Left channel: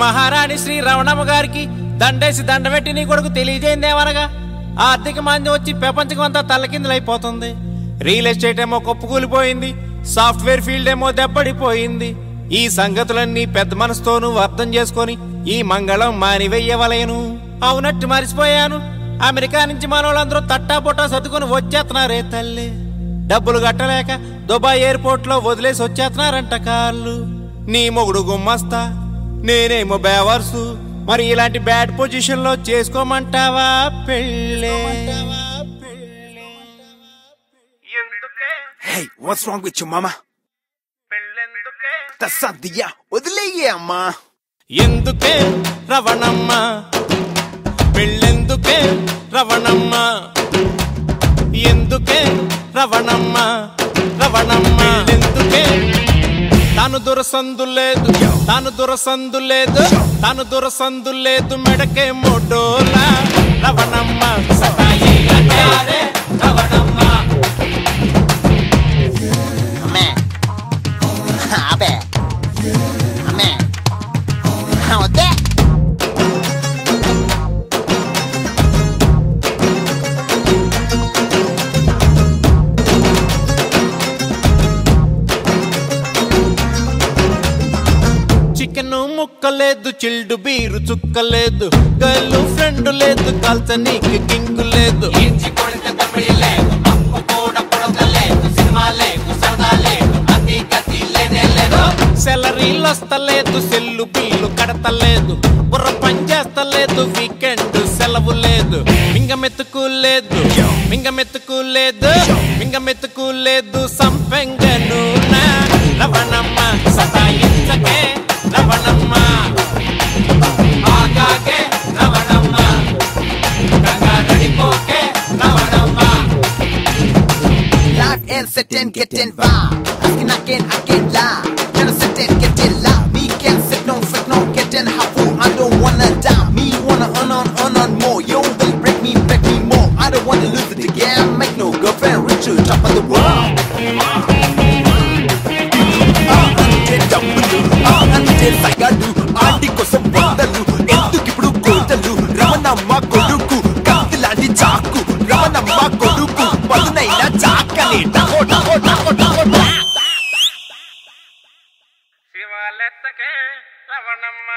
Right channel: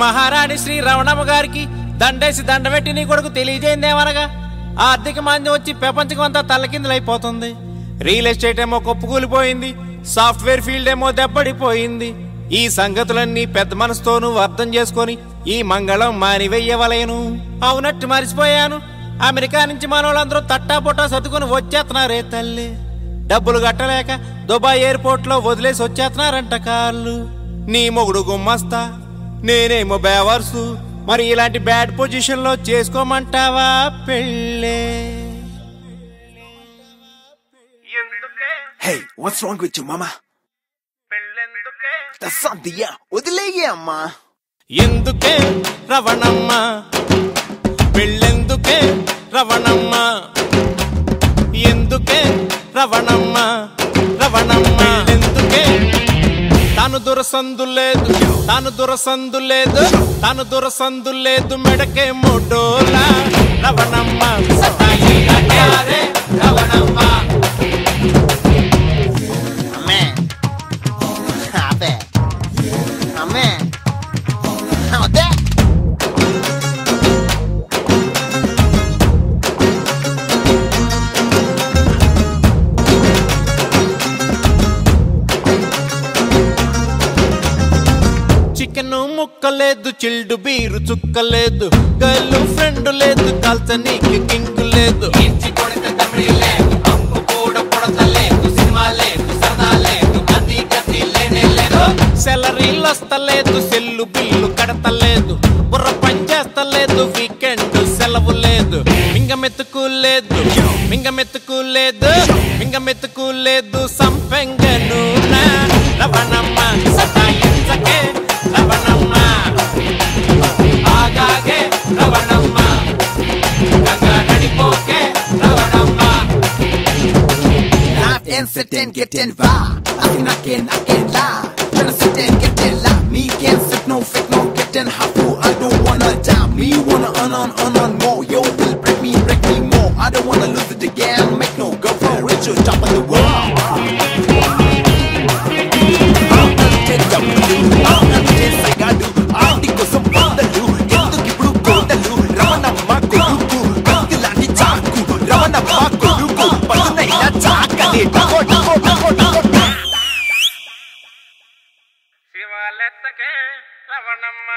మహారాణి శ్రీ రవణమ్మ గారికి దండేసి దండబెట్టి నీ కొడుకు తెలియజేయిందేమనగా ఆర్థిక మాంద్యం వచ్చి ప్రపంచం అంతా తల్లకిందులైపోతుంది. రియల్ ఎస్టేట్ ఏమో కొప్పుకూలిపోయింది, సాఫ్ట్వేర్ ఫీల్డ్ ఏమో దెబ్బడిపోయింది. ఈ సంగతులన్నీ పెద్ద మనసుతోనూ అర్థం చేసుకొని ఈ మంగళం మానివెయ్యవలేను. అవునట్టు మరిచిపోయాను, అమెరికా నుంచి మనోళ్ళందరూ తట్టాపుట్టా సర్దుకుని వచ్చేస్తున్నారే తల్లి. డబ్బులు కట్టలేక దుబాయ్ ఎయిర్పోర్ట్ లో వదిలేసి వచ్చేస్తున్నారంట కార్లు. నీ మొగుడు గుమ్మస్తా, నేనేమో బేవర్సు. మరి ఇలాంటి బ్యాడ్ పొజిషన్ లో చేసుకోమంటావా పెళ్ళే? Hey, what's wrong with you, mama? పెళ్ళెందుకే? That's something, yeah. వదిలేయమ్మా. ఎందుకే రవణమ్మ పెళ్ళెందుకే రవణమ్మ? ఎందుకే రవణమ్మ రవణమ్మ పెళ్ళెందుకే? తాను దురసందు లేదు, తాను దురసందు లేదు, తాను దురసందు లేదు, మెడకే మోడోలా రవణమ్మ. చికెన్ ముక్కలేదు, చిల్డు బీరు చుక్కలేదు, గర్ల్ ఫ్రెండ్ లేదు, కాల్చనీకి కింగ్ లేదు. సెలరీలు వస్తలేదు, సెల్లు బిల్లు కడతలేదు, బుర్ర పని చేస్తలేదు, వీకెండ్ సెలవు లేదు. మింగమెత్తుకు లేదు, మింగమెత్తుకు లేదు, మింగమెత్తుకు లేదు, సంపెంగను నా Ravanamma. Ravanamma ఆగాగే Ravanamma, Ganga నడిపోకే Ravanamma. Life and sit and get involved. I can lie. Gonna sit and get in love. Me can't sit, no fit, no get in half. I don't wanna die. Me wanna earn more. Yo, will break me more. I don't wanna lose it again. Make no girlfriend, reach your top of the world. శివాలెత్తకే Ravanamma.